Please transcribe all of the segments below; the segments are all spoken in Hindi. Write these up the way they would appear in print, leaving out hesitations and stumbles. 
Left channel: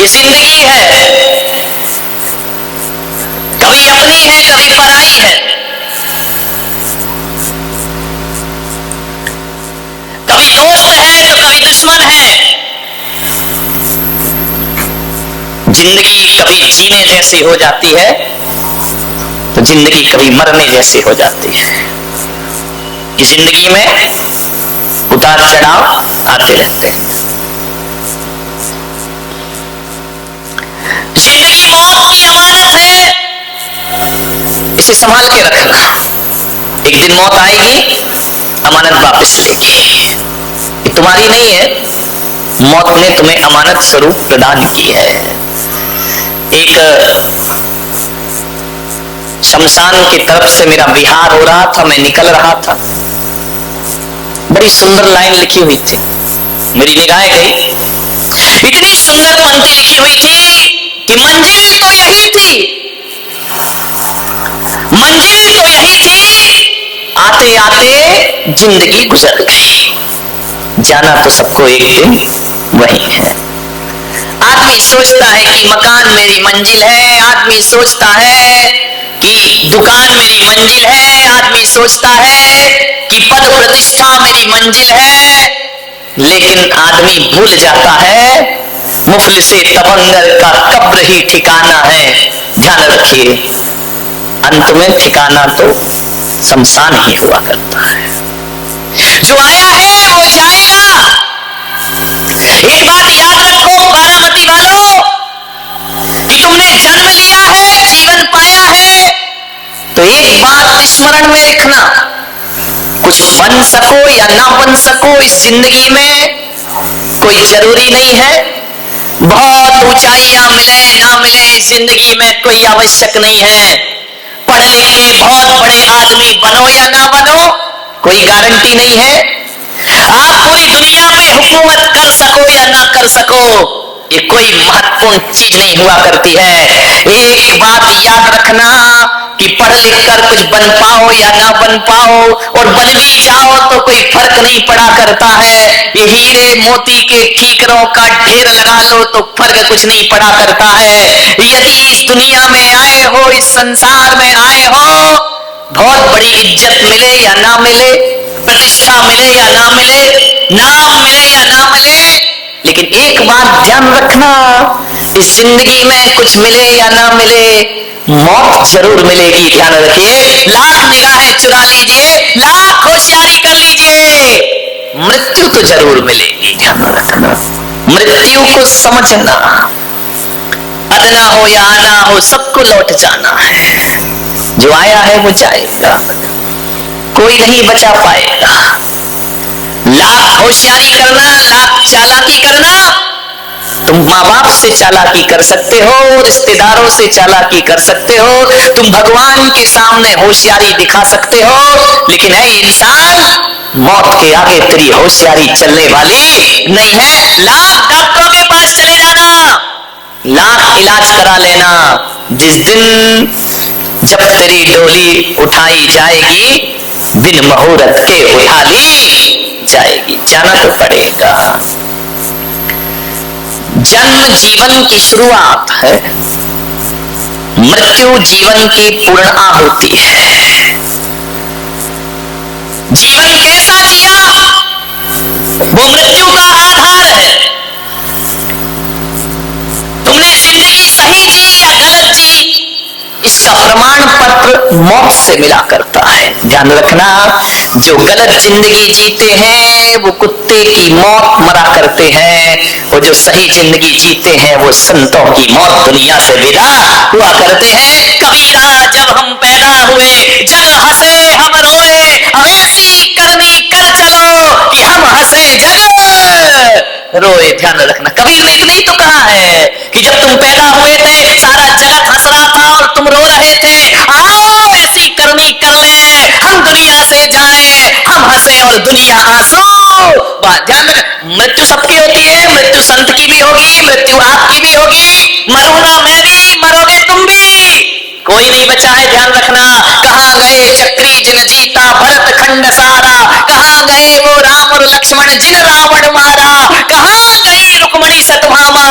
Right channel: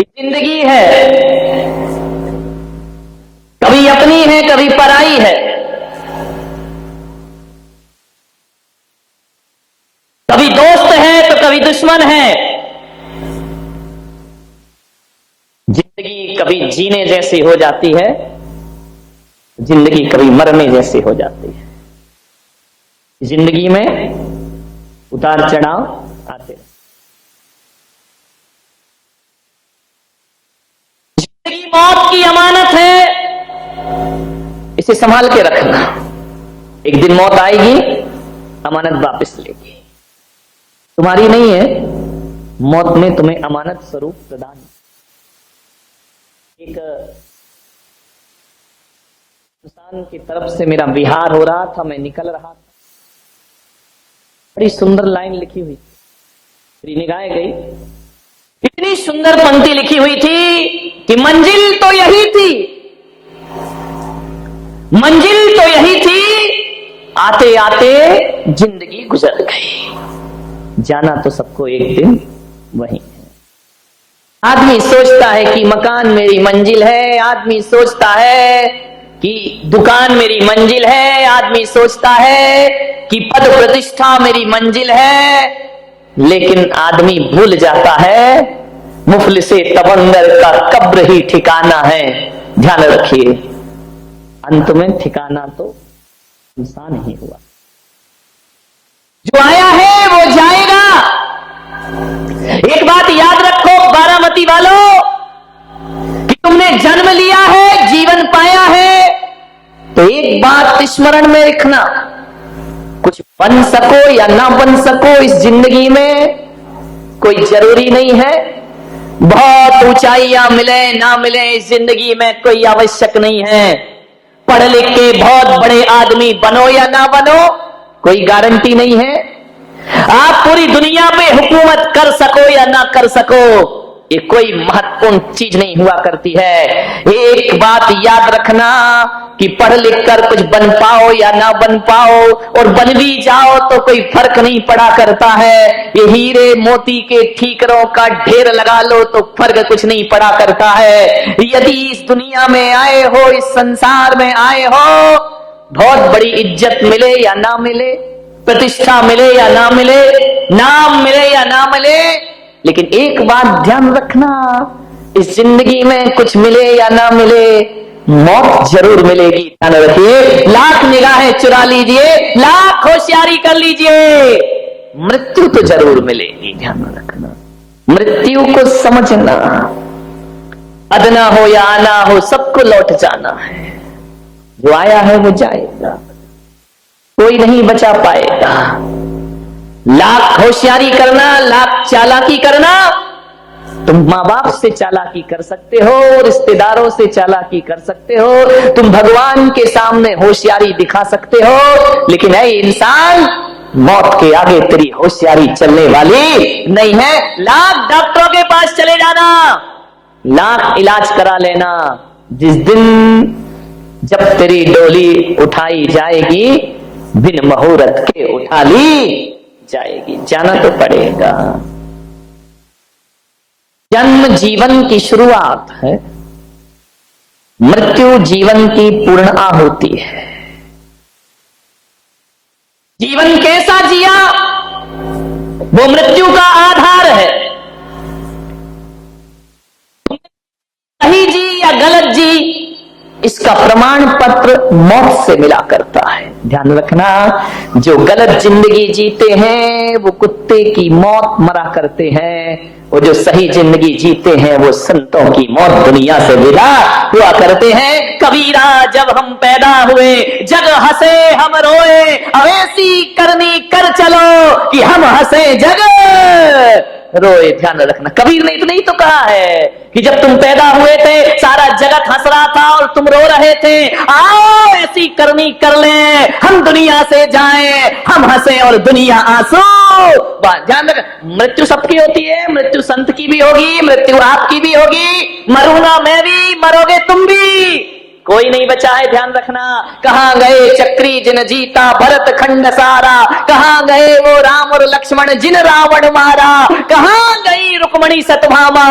ये जिंदगी है, कभी अपनी है कभी पराई है, कभी दोस्त है तो कभी दुश्मन है। जिंदगी कभी जीने जैसी हो जाती है तो जिंदगी कभी मरने जैसी हो जाती है। इस जिंदगी में उतार चढ़ाव आते रहते हैं। जिंदगी मौत की अमानत है, इसे संभाल के रखना। एक दिन मौत आएगी, अमानत वापस लेगी। ये तुम्हारी नहीं है, मौत ने तुम्हें अमानत स्वरूप प्रदान की है। एक शमशान की तरफ से मेरा विहार हो रहा था, मैं निकल रहा था, बड़ी सुंदर लाइन लिखी हुई थी, मेरी निगाहें गई। इतनी सुंदर पंक्ति लिखी हुई थी कि मंजिल तो यही थी, मंजिल तो यही थी, आते आते जिंदगी गुजर गई। जाना तो सबको एक दिन वही है। आदमी सोचता है कि मकान मेरी मंजिल है, आदमी सोचता है कि दुकान मेरी मंजिल है, आदमी सोचता है कि पद प्रतिष्ठा मेरी मंजिल है, लेकिन आदमी भूल जाता है मुफलिसे तवंगर का कब्र ही ठिकाना है। ध्यान रखिए, अंत में ठिकाना तो शमशान ही हुआ करता है। जो आया है वो जाएगा। एक बात याद रखो बारामती वालों, कि तुमने जन्म लिया है, जीवन पाया है, तो एक बात स्मरण में रखना, कुछ बन सको या ना बन सको इस जिंदगी में कोई जरूरी नहीं है। बहुत ऊंचाइयां मिले ना मिले इस जिंदगी में कोई आवश्यक नहीं है। पढ़ लिख के बहुत बड़े आदमी बनो या ना बनो कोई गारंटी नहीं है। आप पूरी दुनिया पे हुकूमत कर सको या ना कर सको, ये कोई महत्वपूर्ण चीज नहीं हुआ करती है। एक बात याद रखना कि पढ़ लिख कर कुछ बन पाओ या ना बन पाओ, और बन भी जाओ तो कोई फर्क नहीं पड़ा करता है। ये हीरे मोती के ठीकरों का ढेर लगा लो तो फर्क कुछ नहीं पड़ा करता है। यदि इस दुनिया में आए हो, इस संसार में आए हो, बहुत बड़ी इज्जत मिले या ना मिले, प्रतिष्ठा मिले या ना मिले, नाम मिले या ना मिले, लेकिन एक बात ध्यान रखना, इस जिंदगी में कुछ मिले या ना मिले, मौत जरूर मिलेगी। ध्यान रखिए, लाख निगाहें चुरा लीजिए, लाख होशियारी कर लीजिए, मृत्यु तो जरूर मिलेगी। ध्यान रखना, मृत्यु को समझना, अदना हो या आना हो, सबको लौट जाना है। जो आया है वो जाएगा, कोई नहीं बचा पाएगा। लाख होशियारी करना, लाख चालाकी करना, तुम माँ बाप से चालाकी कर सकते हो, रिश्तेदारों से चालाकी कर सकते हो, तुम भगवान के सामने होशियारी दिखा सकते हो, लेकिन है इंसान, मौत के आगे तेरी होशियारी चलने वाली नहीं है। लाख डॉक्टरों के पास चले जाना, लाख इलाज करा लेना, जिस दिन जब तेरी डोली उठाई जाएगी, बिन मुहूर्त के उठा ली जाएगी। जाना तो पड़ेगा। जन्म जीवन की शुरुआत है, मृत्यु जीवन की पूर्ण आहुति है। जीवन कैसा जिया वो मृत्यु का आधार है। तुमने जिंदगी सही जी या गलत जी, इसका प्रमाण पत्र मौत से मिला करता है। ध्यान रखना, जो गलत जिंदगी जीते हैं वो कुत्ते की मौत मरा करते हैं, और जो सही जिंदगी जीते हैं वो संतों की मौत दुनिया से विदा हुआ करते हैं। कबीरा जब हम पैदा हुए, जग हंसे हम रोए, अब ऐसी करनी कर चलो कि हम हंसे जग रोए। ध्यान रखना, कबीर ने इतनी तो कहा है कि जब तुम पैदा हुए थे सारा जगत हंस रहा था और तुम रो रहे थे, आओ ऐसी करनी कर ले, हम दुनिया से जाएं, हम हंसे और दुनिया आंसू। ध्यान रखना, मृत्यु सबकी होती है, मृत्यु संत की भी होगी, मृत्यु आपकी भी होगी, मरूंगा मैं भी, मरोगे तुम भी, कोई नहीं बचा है, ध्यान रखना। कहां गए चक्री जिन जीता भरत खंड सारा, कहां गए वो राम और लक्ष्मण जिन रावण मारा, कहां गई रुक्मणी सतभामा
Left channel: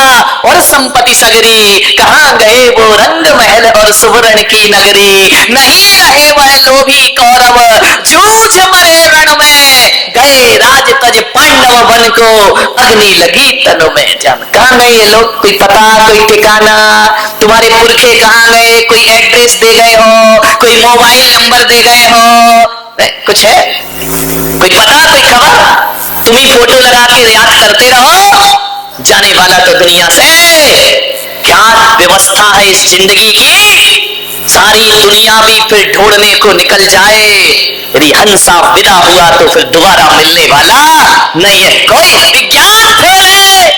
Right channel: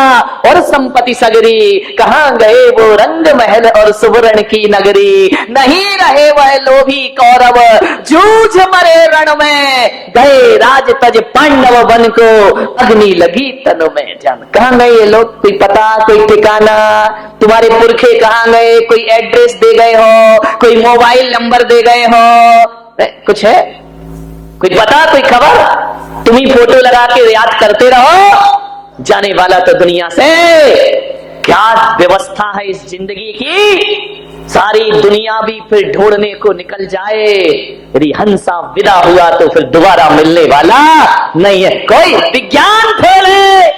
और संपत्ति सगरी, कहां गए वो रंग महल और सुवर्ण की नगरी। नहीं रहे वह लोभी कौरव जूझ मरे रण में, गए राज तज पांडव बन को अग्नि लगी तनु में। जान कहां गए ये लोग, कोई पता कोई ठिकाना, तुम्हारे पुरखे कहां गए, कोई एड्रेस दे गए हो, कोई मोबाइल नंबर दे गए हो, कुछ है कोई पता कोई खबर? तुम ही फोटो लगा के याद करते रहो, जाने वाला तो दुनिया से। क्या व्यवस्था है इस जिंदगी की, सारी दुनिया भी फिर ढूंढने को निकल जाए, यदि हंसा विदा हुआ तो फिर दोबारा मिलने वाला नहीं है। कोई विज्ञान फेल है,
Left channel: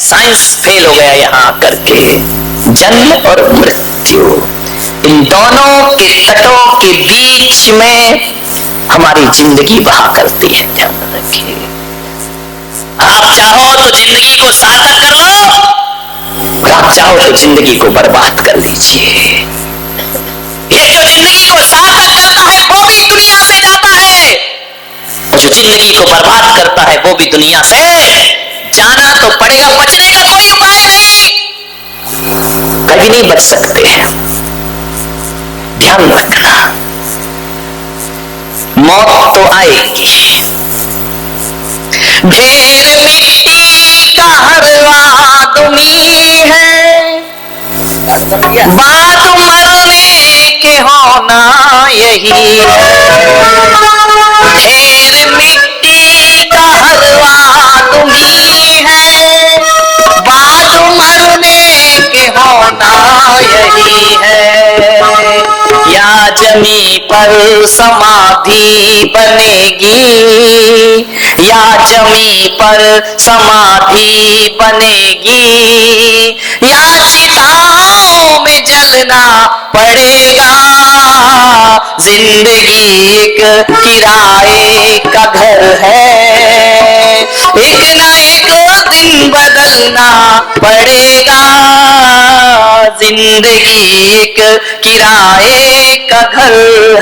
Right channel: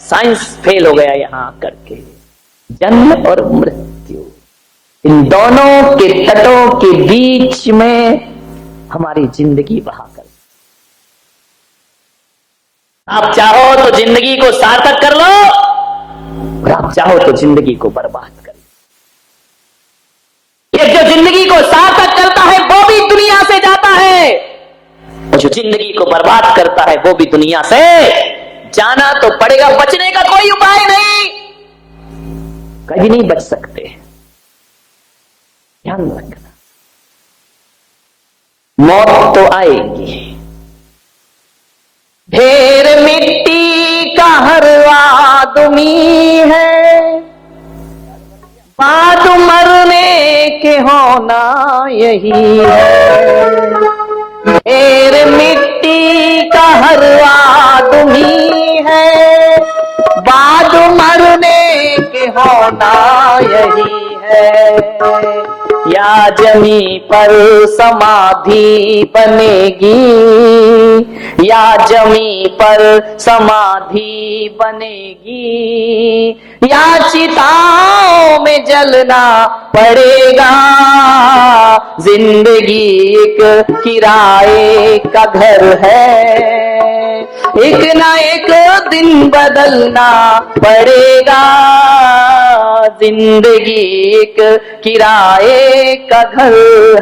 साइंस फेल हो गया यहां करके। जन्म और मृत्यु, इन दोनों के तटों के बीच में हमारी जिंदगी बहा करती है, ध्यान रखिए। आप चाहो तो जिंदगी को सार्थक कर लो, और आप चाहो तो जिंदगी को बर्बाद कर लीजिए। ये जो जिंदगी को सार्थक करता है वो भी दुनिया से जाता है, और जो जिंदगी को बर्बाद करता है वो भी दुनिया से जाना तो पड़ेगा। बचने का कोई उपाय नहीं, कभी नहीं बच सकते हैं, ध्यान रखना। मौत तो आएगी। ढेर मिट्टी का हर आदमी है, बाद मरने के होना यही है। ढेर मिट्टी का हर आदमी है, बाद मरने के होना यही है। या जमी पर समाधि बनेगी, या जमी पर समाधि बनेगी, या चिताओं में जलना पड़ेगा। जिंदगी एक किराए का घर है, एक ना एक दिन बदलना पड़ेगा। जिंदगी एक किराए का घर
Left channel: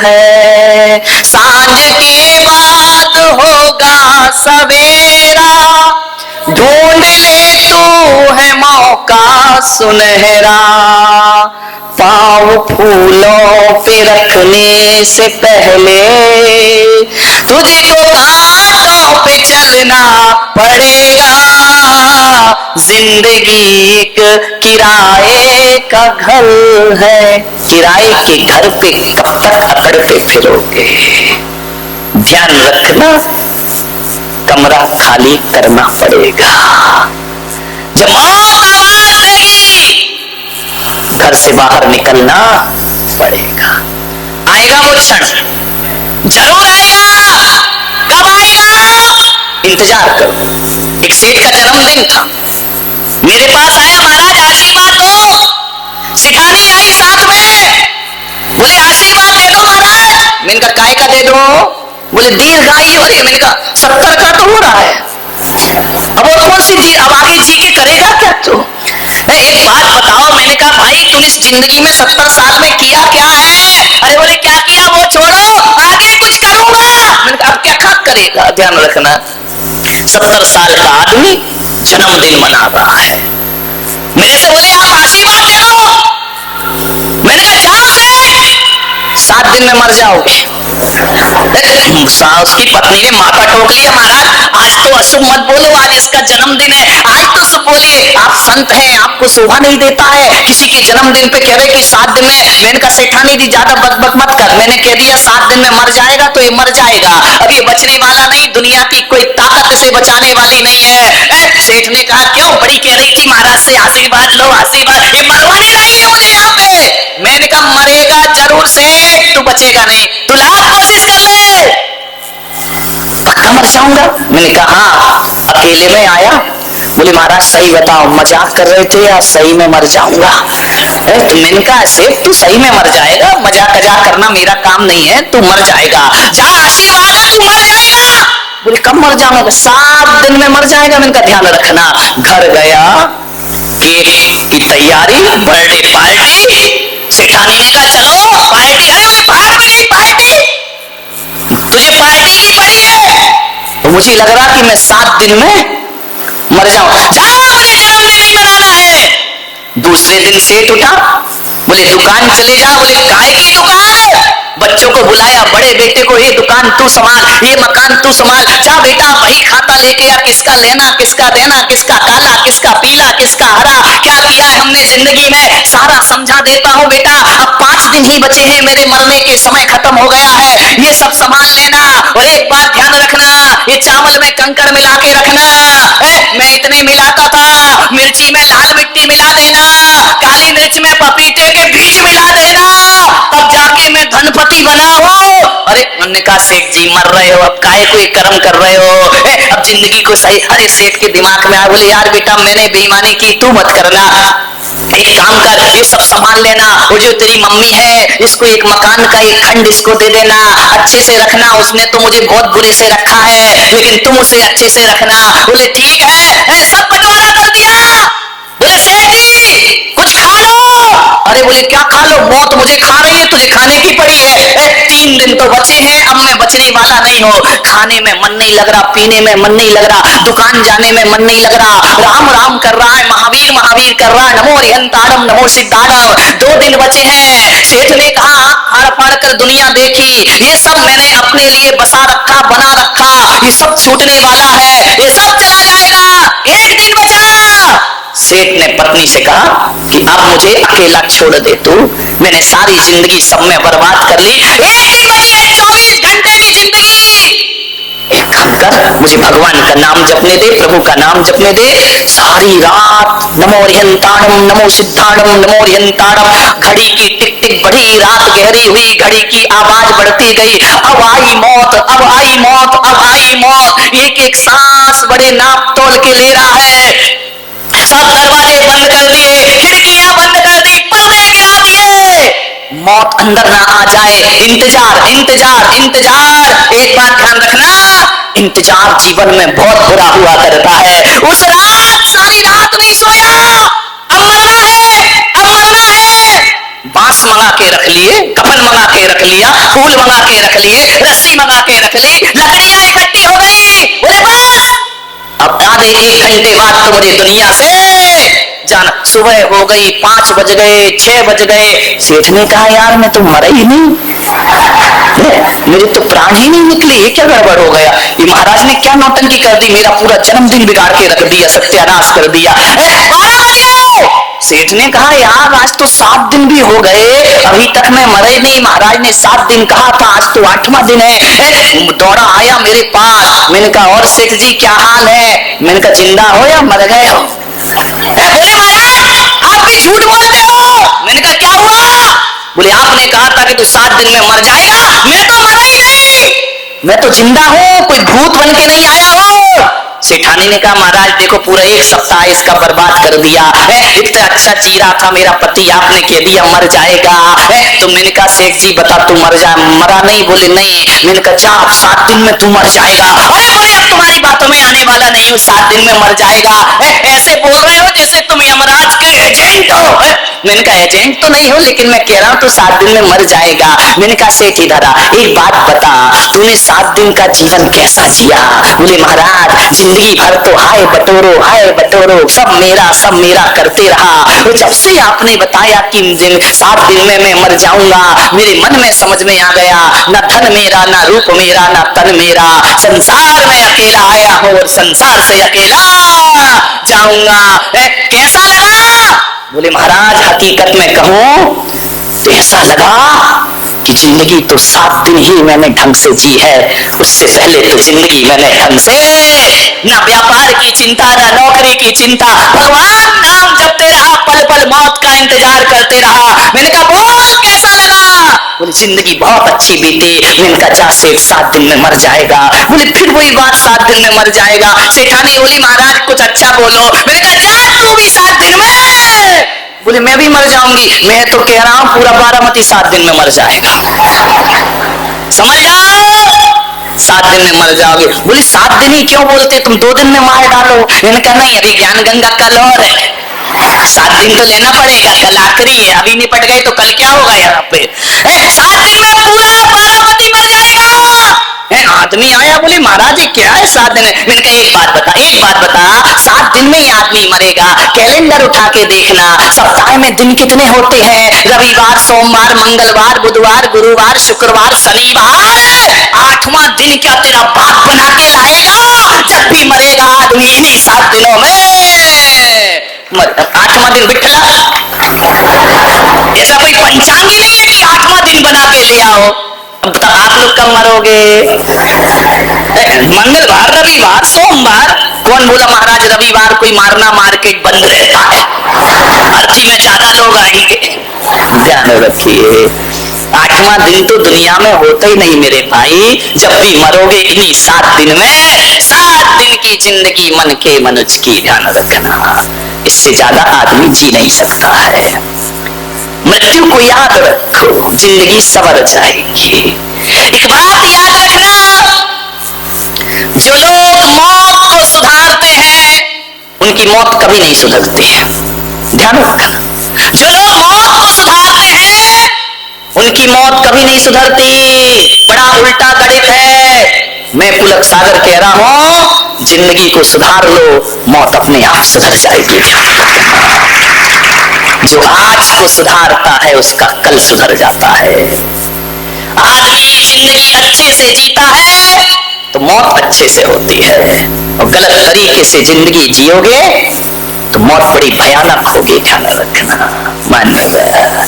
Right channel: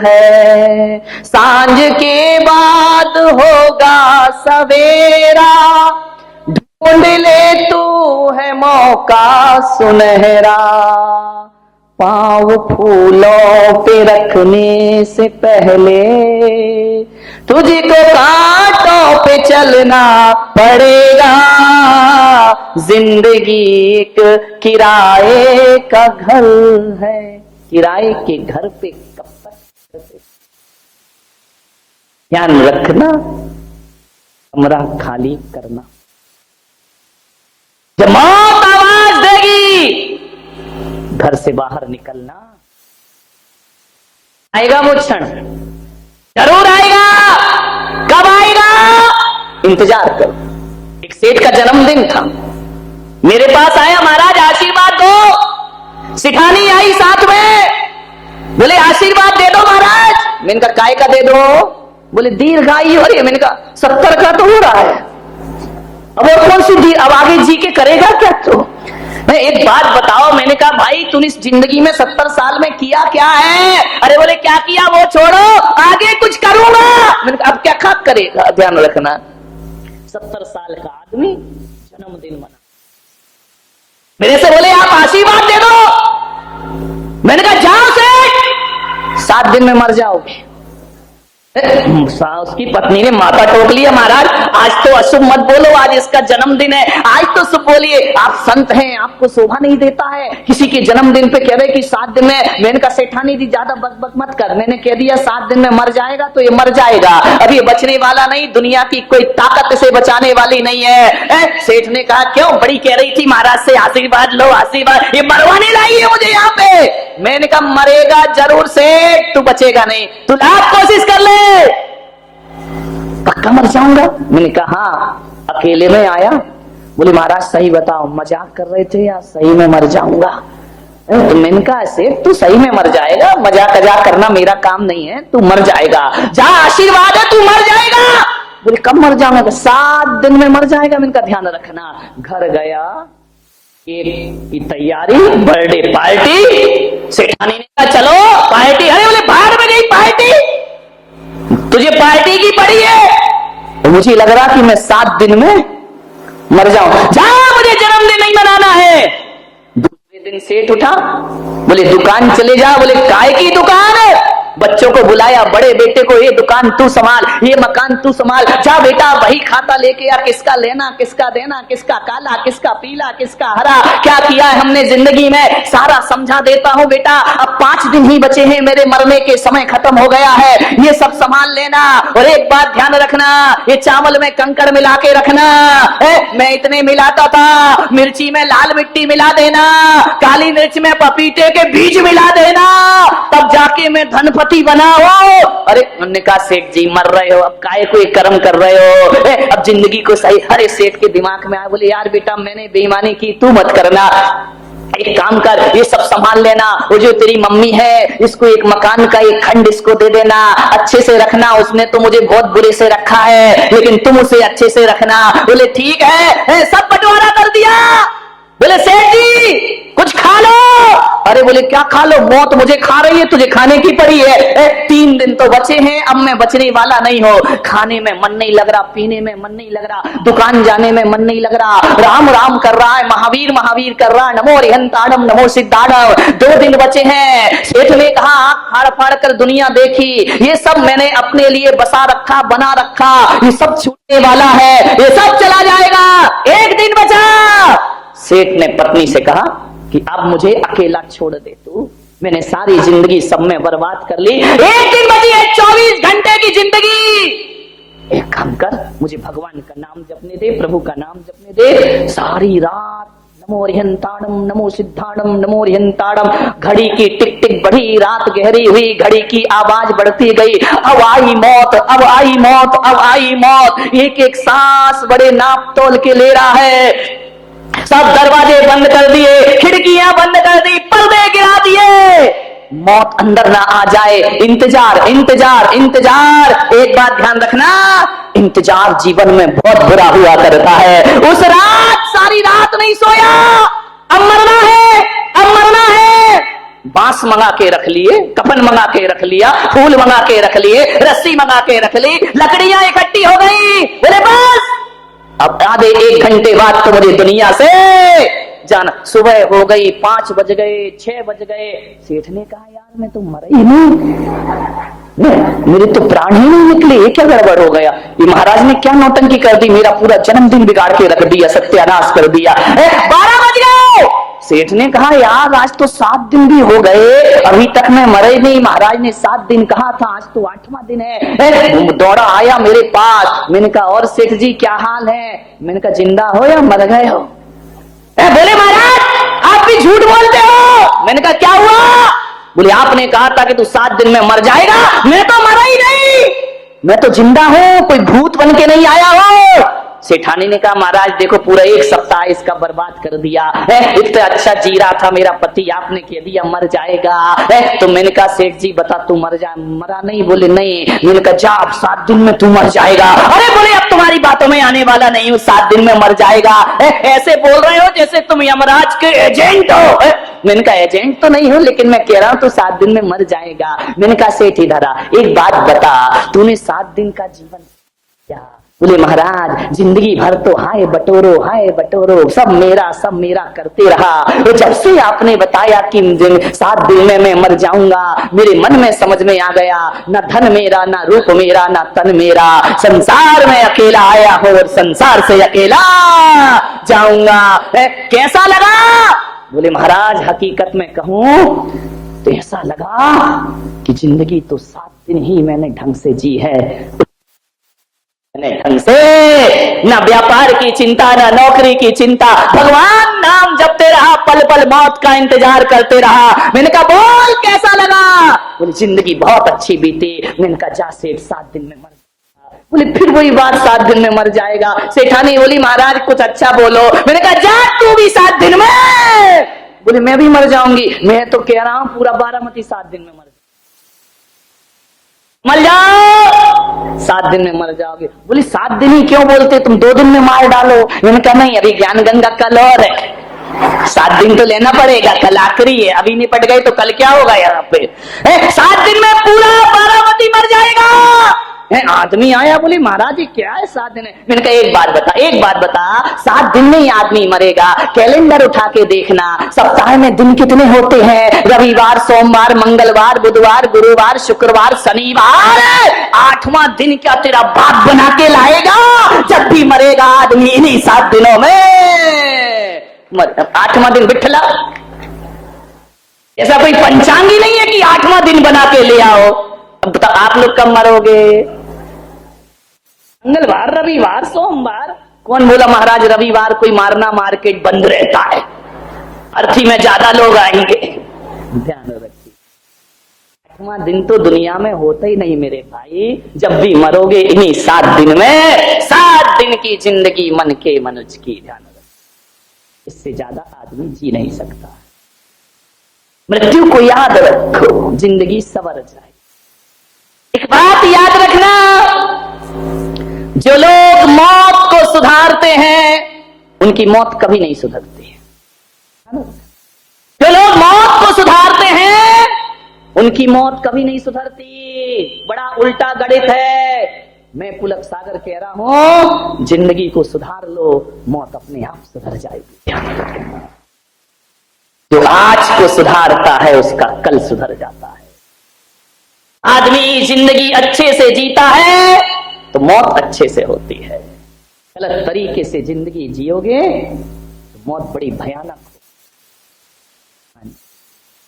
है, सांझ के बाद होगा सवेरा। ढूंढ ले तू है मौका सुनहरा, पाँव फूलों पे रखने से पहले तुझको कांटों पे चलना पड़ेगा। जिंदगी एक किराए का घर है, किराए के घर पे कब तक अकड़ते फिरोगे? ध्यान रखना, कमरा खाली करना पड़ेगा। जब मौत आवाज देगी घर से बाहर निकलना पड़ेगा। आएगा वो क्षण, जरूर आएगा। कब आएगा? इंतजार करो। एक सेठ का जन्मदिन था, मेरे पास आया, महाराज आशीर्वाद दो। सिठानी आई साथ में, बोले आशीर्वाद दे दो महाराज। मैंने कहा काय का दे दो? बोले दीर्घायु हो रही है। मैंने कहा 70 का तो हो रहा है, अब और कौन सी अब आगे जी के करेगा क्या तू? एक बात बताओ। मैंने कहा भाई तूने इस जिंदगी में 70 साल में किया क्या है? अरे बोले क्या किया वो छोड़ो, आगे कुछ करूंगा। मैंने कहा अब क्या करेगा? ध्यान रखना, 70 साल का आदमी जन्मदिन मना रहा है, मेरे से बोले आप आशीर्वाद दे दो। मैंने कहा जाओ से 7 दिन में मर जाओगे। उसकी पत्नी ने माथा ठोक लिया, महाराज आज तो अशुभ मत बोलो, आज इसका जन्मदिन है, आज तो शुभ बोलिए। आप संत हैं, आपको शोभा नहीं देता है किसी के जन्मदिन पे कह रहे कि 7 दिन में। मैंने कहा सेठानी जी ज्यादा बकबक मत कर, मैंने कह दिया 7 दिन में मर जाएगा तो ये मर जाएगा, अब ये बचने वाला नहीं, दुनिया की कोई ताकत से बचाने वाली नहीं है। सेठ ने कहा क्यों? बड़ी कह रही थी महाराज से आशीर्वाद लो आशीर्वाद, ये मरवाने लाई है मुझे यहाँ पे। मैंने कहा मरेगा जरूर सेठ, तू बचेगा नहीं, तू लाख कोशिश कर ले, पक्का मर जाऊंगा। मैंने कहा हाँ। अकेले में आया, बोले महाराज सही बताओ, मजाक कर रहे थे या सही में मर जाऊंगा? तो मैंने कहा सेठ तू सही में मर जाएगा, मजाक मजाक करना मेरा काम नहीं है, तू मर जाएगा, जा आशीर्वाद है तू मर जाएगा। बोले कब मर जाऊंगा? 7 दिन में मर जाएगा। मैंने कहा ध्यान रखना। घर गया, केक की तैयारी, बर्थडे पार्टी, सेठानी ने कहा चलो पार्टी। अरे बोले भाड़ में गई पार्टी, तुझे पार्टी की पड़ी है। तो मुझे लग रहा कि मैं 7 दिन में मर जाऊं, जाओ मुझे जन्मदिन नहीं मनाना है। दूसरे दिन सेठ उठा, बोले दुकान चले जा। बोले काय की दुकान? बच्चों को बुलाया, बड़े बेटे को ये दुकान तू संभाल, ये मकान तू संभाल, जा बेटा वही खाता लेके आ, किसका लेना किसका देना, किसका काला किसका पीला किसका हरा, क्या किया है हमने जिंदगी में सारा समझा देता हूं बेटा। अब 5 दिन ही बचे हैं, मेरे मरने के समय खत्म हो गया है, ये सब संभाल लेना। और एक बात ध्यान रखना, ये चावल में कंकड़ मिला के रखना, मैं इतने मिलाता था, मिर्ची में लाल मिट्टी मिला देना, काली मिर्च में पपीते के बीज मिला देना, तब जाके मैं धनपति बना हो। अरे उन्होंने कहा सेठ जी मर रहे हो, अब काहे को एक कर्म कर रहे हो, अब जिंदगी को सही। अरे सेठ के दिमाग में आ, बोले यार बेटा मैंने बेईमानी की, तू मत करना, एक काम कर ये सब संभाल लेना, वो जो तेरी मम्मी है इसको एक मकान का एक खंड इसको दे देना, अच्छे से रखना, उसने तो मुझे बहुत बुरे से रखा है लेकिन तुम उसे अच्छे से रखना। बोले ठीक है, सब बंटवारा कर दिया। बोले सेठ जी कुछ खा लो। अरे बोले क्या खा लो, मौत मुझे खा रही है, तुझे खाने की पड़ी है। 3 दिन तो बचे हैं, अब मैं बचने वाला नहीं हूँ, खाने में मन नहीं लग रहा, पीने में मन नहीं लग रहा, दुकान जाने में मन नहीं लग रहा, राम राम कर रहा है, महावीर महावीर कर रहा है, नमो रिहंताड़म नमो सिद्धाड़म। 2 दिन बचे हैं। सेठ ने कहा फाड़ फाड़ कर दुनिया देखी, ये सब मैंने अपने लिए बसा रखा बना रखा, ये सब छूटने वाला है, ये सब चला जाएगा, 1 दिन बचा। सेठ ने पत्नी से कहा कि अब मुझे अकेला छोड़ दे तू, मैंने सारी जिंदगी सब में बर्बाद कर ली, 1 दिन बची है, 24 घंटे की जिंदगी। एक काम कर, मुझे भगवान का नाम जपने दे, प्रभु का नाम जपने दे, सारी रात नमो रिहंताड़म नमो सिद्धाड़म नमो रिहंताड़म। घड़ी की टिक टिक बढ़ी, रात गहरी हुई, घड़ी की आवाज बढ़ती गई, अब आई मौत अब आई मौत अब आई मौत। एक एक सांस बड़े नाप तोल के ले रहा है। सब दरवाजे बंद कर दिए, खिड़कियां बंद कर दी, पर्दे गिरा दिए, मौत अंदर ना आ जाए। इंतजार इंतजार इंतजार। एक बात ध्यान रखना, इंतजार जीवन में बहुत बुरा हुआ करता है। उस रात सारी रात नहीं सोया, अब मरना है अब मरना है। बांस मंगा के रख लिए, कफन मंगा के रख लिया, फूल मंगा के रख लिए, रस्सी मंगा के रख ली, लकड़ियां इकट्ठी हो गई। बोले बस अब आधे 1 घंटे बाद तो मुझे दुनिया से जाना। सुबह हो गई, 5 बज गए, 6 बज गए। सेठ ने कहा यार मैं तो मरा ही नहीं, मेरे तो प्राण ही नहीं निकले, ये क्या गड़बड़ हो गया, ये महाराज ने क्या नौटंकी कर दी, मेरा पूरा जन्मदिन बिगाड़ के रख दिया, सत्यानाश कर दिया। 12 बज गए। सेठ ने कहा यार आज तो 7 दिन भी हो गए, अभी तक मैं मरे नहीं, महाराज ने 7 दिन कहा था, आज तो 8वां दिन है। दौड़ा आया मेरे पास, मैंने कहा और सेठ जी क्या हाल है? मैंने कहा जिंदा हो या मर गए हो? बोले महाराज आप भी झूठ बोलते हो। मैंने कहा क्या हुआ? बोले आपने कहा था कि तू 7 दिन में मर जाएगा, मैं तो मरा ही नहीं, मैं तो जिंदा हूं, कोई भूत बन के नहीं आया हूं। सेठानी ने कहा महाराज देखो पूरा 1 सप्ताह इसका बर्बाद कर दिया, इतना अच्छा जी रहा था मेरा पति, आपने कह दिया मर जाएगा। तो मैंने कहा सेठ जी बता तू मर जा, मरा नहीं? बोले नहीं। मैंने कहा जा अब 7 दिन में तू मर जाएगा। अरे बोले अब तुम्हारी बातों में आने वाला नहीं हूँ, 7 दिन में मर जाएगा। ऐसे बोल रहे हो जैसे तुम यमराज के एजेंट हो। मैंने कहा एजेंट तो नहीं हो, लेकिन मैं कह रहा हूँ तू 7 दिन में मर जाएगा। मैंने कहा सेठ इधर आ, एक बात बता, तूने 7 दिन का जीवन कैसा जिया? बोले महाराज जिंदगी भर तो हाय बटोरो सब मेरा करते रहा। जब से आपने बताया कि 7 दिन में मैं मर जाऊंगा, मेरे मन में समझ में आ गया, ना धन मेरा ना रूप मेरा ना तन मेरा, संसार में अकेला आया हूं और संसार से अकेला जाऊंगा। कैसा लगा? बोले महाराज हकीकत में कहूं तो ऐसा लगा कि जिंदगी तो 7 दिन ही मैंने ढंग से जी है, उससे पहले तो जिंदगी मैंने ढंग से ना व्यापार की चिंता ना नौकरी की चिंता, भगवान नाम जपते रहा, पल पल मौत का इंतजार करते रहा। मैंने कहा बोल कैसा लगा? बोले जिंदगी बहुत अच्छी बीती। मैंने कहा जा सेठ 7 दिन में मर जाएगा। बोले फिर वही बात 7 दिन में मर जाएगा। सेठानी बोली महाराज कुछ अच्छा बोलो। मैंने कहा जा तू भी 7 दिन में। बोले मैं भी मर जाऊंगी। मैं तो कह रहा हूं पूरा बारामती 7 दिन में मर जाएगा, समझ जाओ 7 दिन में मर जाओगे। बोले 7 दिन ही क्यों बोलते, तुम 2 दिन में मार डालो। मैंने कहा नहीं अभी ज्ञान गंगा का लहर है, 7 दिन तो लेना पड़ेगा, कल आखिरी है, अभी निपट गए तो कल क्या होगा यहाँ पे? 7 दिन में पूरा बारामती मर जाएगा। आदमी आया, बोले महाराज जी क्या है 7 दिन? मैंने कहा एक बात बता 7 दिन में ही आदमी मरेगा। कैलेंडर उठा के देखना, सप्ताह में दिन कितने होते हैं? रविवार, सोमवार, मंगलवार, बुधवार, गुरुवार, शुक्रवार, शनिवार। 8वां दिन क्या तेरा बाप बना के लाएगा? जब भी मरेगा आदमी इन्हीं 7 दिनों में 8वां दिन बिठला। ऐसा कोई पंचांग ही नहीं है कि 8वां दिन बना के ले आओ। अब तो आप लोग कब मरोगे? मंगलवार, रविवार, सोमवार। कौन बोला महाराज रविवार कोई मारना, मार्केट बंद रहता है, अर्थी में ज्यादा लोग आएंगे? ध्यान रखिए 8वां दिन तो दुनिया में होता ही नहीं मेरे भाई। जब भी मरोगे इन्हीं 7 दिन में। 7 दिन की जिंदगी मन के मनुष्य की, ध्यान रखना। इससे ज्यादा आदमी जी नहीं सकता है। मृत्यु को याद रखो, जिंदगी सवर जाएगी। एक बात याद रखना, जो लोग मौत को सुधारते हैं उनकी मौत कभी नहीं सुधरती है। ध्यान रखना, जो लोग मौत को सुधारते हैं उनकी मौत कभी नहीं सुधरती। बड़ा उल्टा गणित है। मैं पुलक सागर कह रहा हूं, जिंदगी को सुधार लो, मौत अपने आप सुधर जाएगी। ध्यान रखना, जो आज को सुधारता है उसका कल सुधर जाता है। आदमी जिंदगी अच्छे से जीता है तो मौत अच्छे से होती है, और गलत तरीके से जिंदगी जियोगे तो मौत बड़ी भयानक होगी। ध्यान रखना। मान्यवर।